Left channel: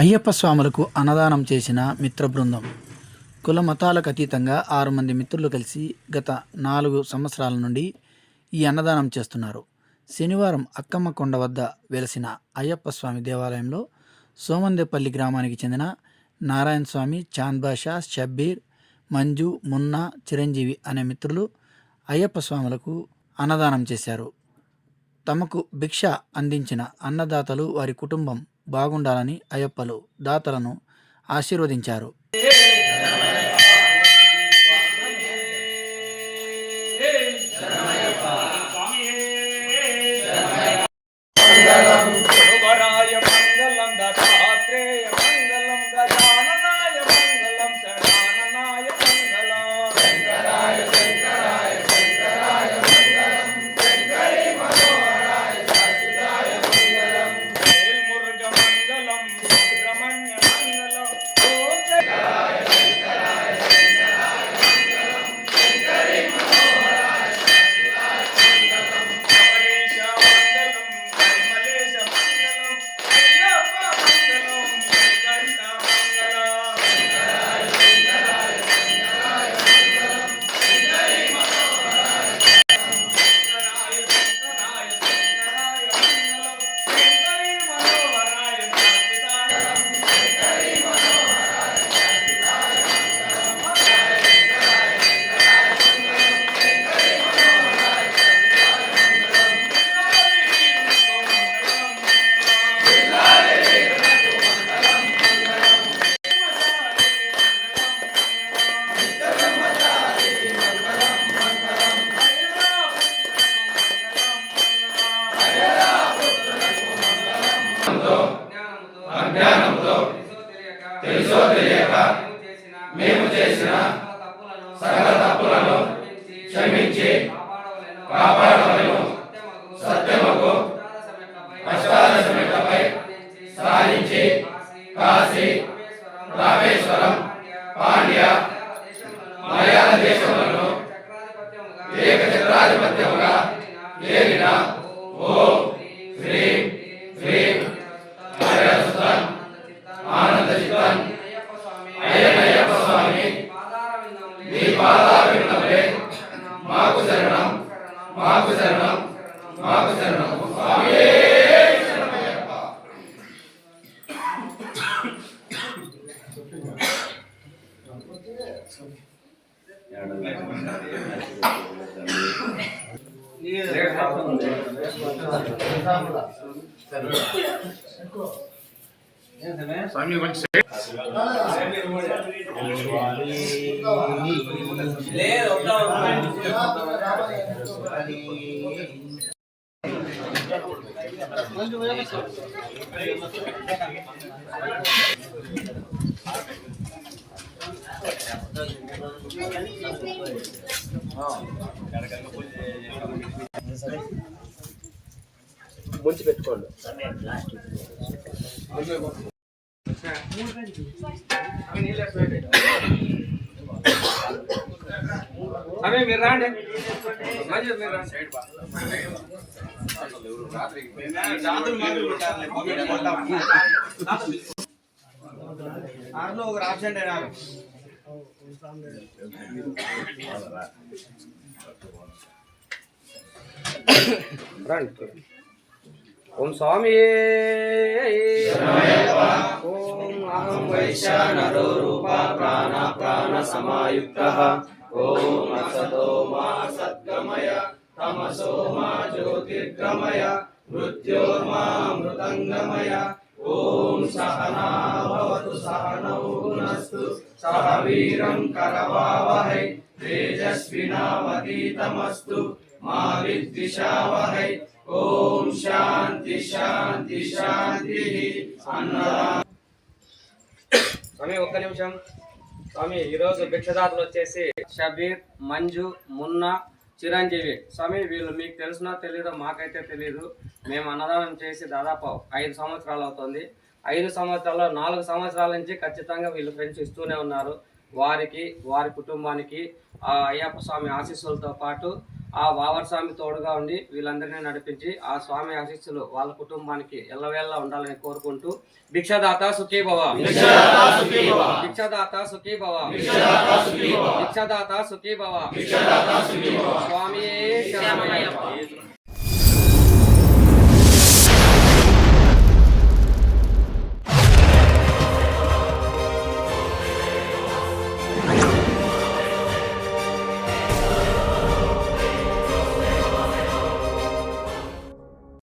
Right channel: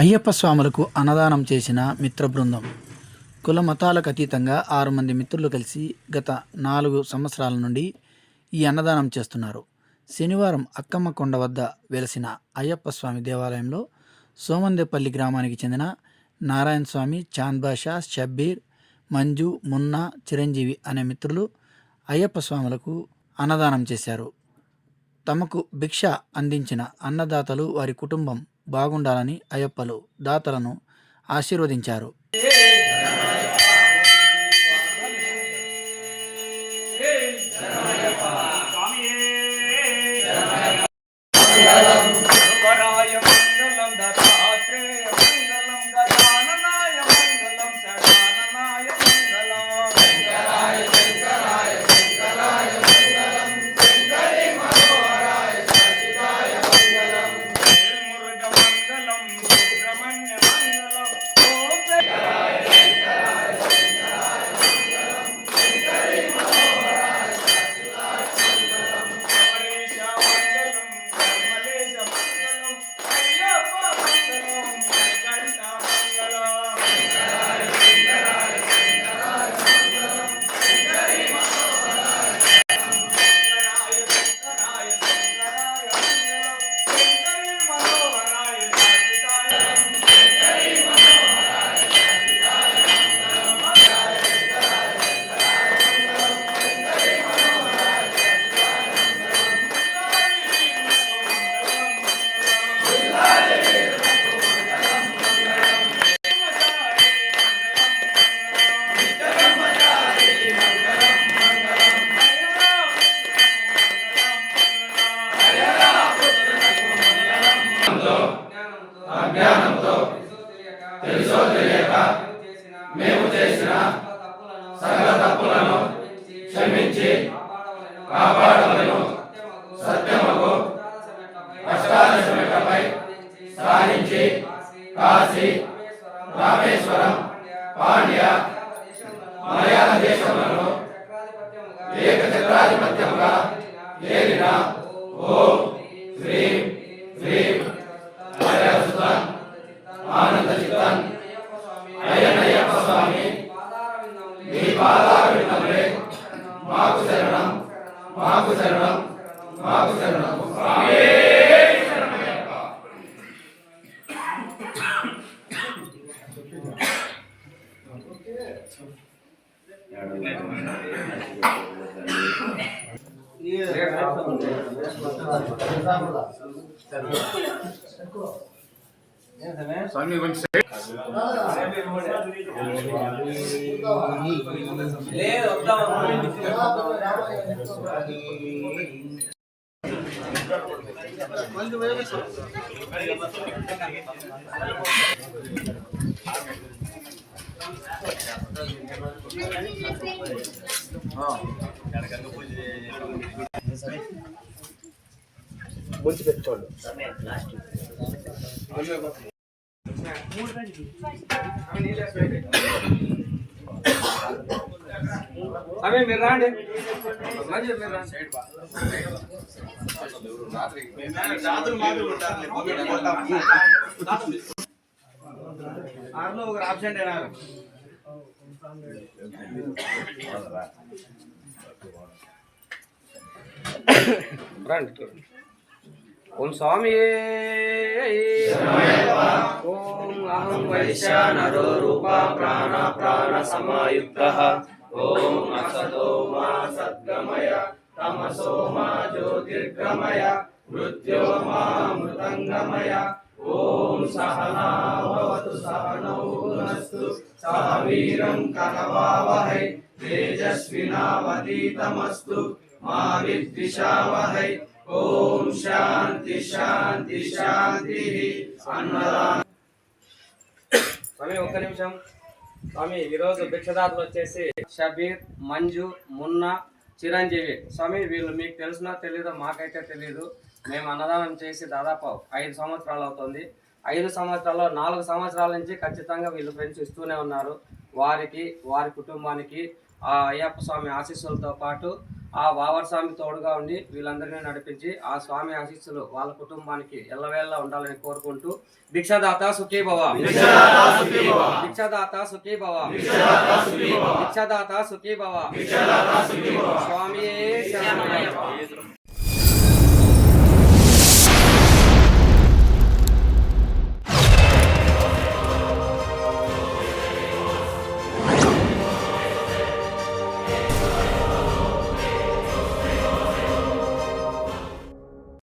అయ్యప్ప స్వాములకు అన్నదానం చేసిన మిత్ర బృందం. కుల మతాలకు అతీతంగా 6 మంది మిత్రులు కలిసి గత 4 సంవత్సరాల నుండి ఈ అన్నదానం చేస్తున్నారు. శనివారం అక్కమ్మ కొండ వద్ద వెలసిన అయ్యప్ప స్వామి దేవాలయంలో సోమందేపల్లి గ్రామానికి చెందిన నారాయణ స్వామి, చాంద్ బాషా, షబ్బీర్, మంజు, మున్నా, చిరంజీవి అనే మిత్రులు అయ్యప్ప స్వాములకు అన్నదానం చేశారు. తమకు భిక్ష అందించిన అన్నదాతలు, వారి కుటుంబం బాగుండాలని అయ్యప్పలు దాతలను ఆశీర్వదించారు. అజ్ఞానంతో తెలుసో తెలియక మేము చేసిన సకల తప్పులను క్షమించి కాపాడవలెను. సత్యమగు అష్టాదశమెట్లపై సాధించి కాశీ, రామేశ్వరం, పాండ్య, మలయాళ దేశములను ఏకచక్రాధిపత్యముగా ఏలిన ఓం శ్రీం శ్రీం ఆనంద చిత్తన్ అయ్యప్ప స్వామి నీ పాదారవిందములే మాకు శరణం, మాకు శరణం, మాకు శరణం. స్వామియే శరణమయ్యప్ప. ముంచి పెట్టుకోండి. అవి మీరు రాండి, మంచి మీరు రాండి. ఆరులో ఒక ఆబ్సెంట్ అయినారు. రండి. ఓం స్వామి. ఓం అహం వైశ్వానరో రూపా ప్రాణ సమాయుక్తః. ఓం అసతో మా సద్గమయ తమసో మా జ్యోతిర్గమయ మృత్యోర్మా మృతంగమయ. ఓం సహనా భవతు సహనౌ భునస్తు సహ వీరం కరవావహై తేజస్వినావధీతమస్తు మా విద్విషావహై. ఓం శాంతి శాంతి శాంతి. అన్నదానం. స్వామి ఒక్క నిమిషం. స్వామి ఈరోజు భిక్షదాతలు వచ్చేసి షబీర్, మంజు, మున్నా, చిరంజీవి. స్వామి వీళ్ళు మీకు తెలిసినా తెలీదో మాకైతే తెలీదు. మేము అన్నదానం చేసి దాదాపు 5 సంవత్సరాలు అవుతుంది. 5 సంవత్సరాల్లో 4 సంవత్సరాల నుంచి ఖచ్చితంగా వీళ్ళు ఫ్రెండ్స్ ఇస్తూనే ఉన్నారు. వారికి, వారి కుటుంబానికి ఆ అయ్యప్ప స్వామి ఆశీస్సులతో పాటు ఆ వావర్ స్వామి తోడుగా ఉండి వీళ్ళందరినీ నడిపించి ఆ స్వామి ఆశీస్సులు వాళ్ళ కుటుంబానికి ఎల్లవేళ ఉండాలని కోరుకుంటూ భిక్షదాత సుఖీ భవ, భిక్షదాత సుఖీ భవ, భిక్షదాత సుఖీ భవ, స్వామి శరణమయ్యప్ప.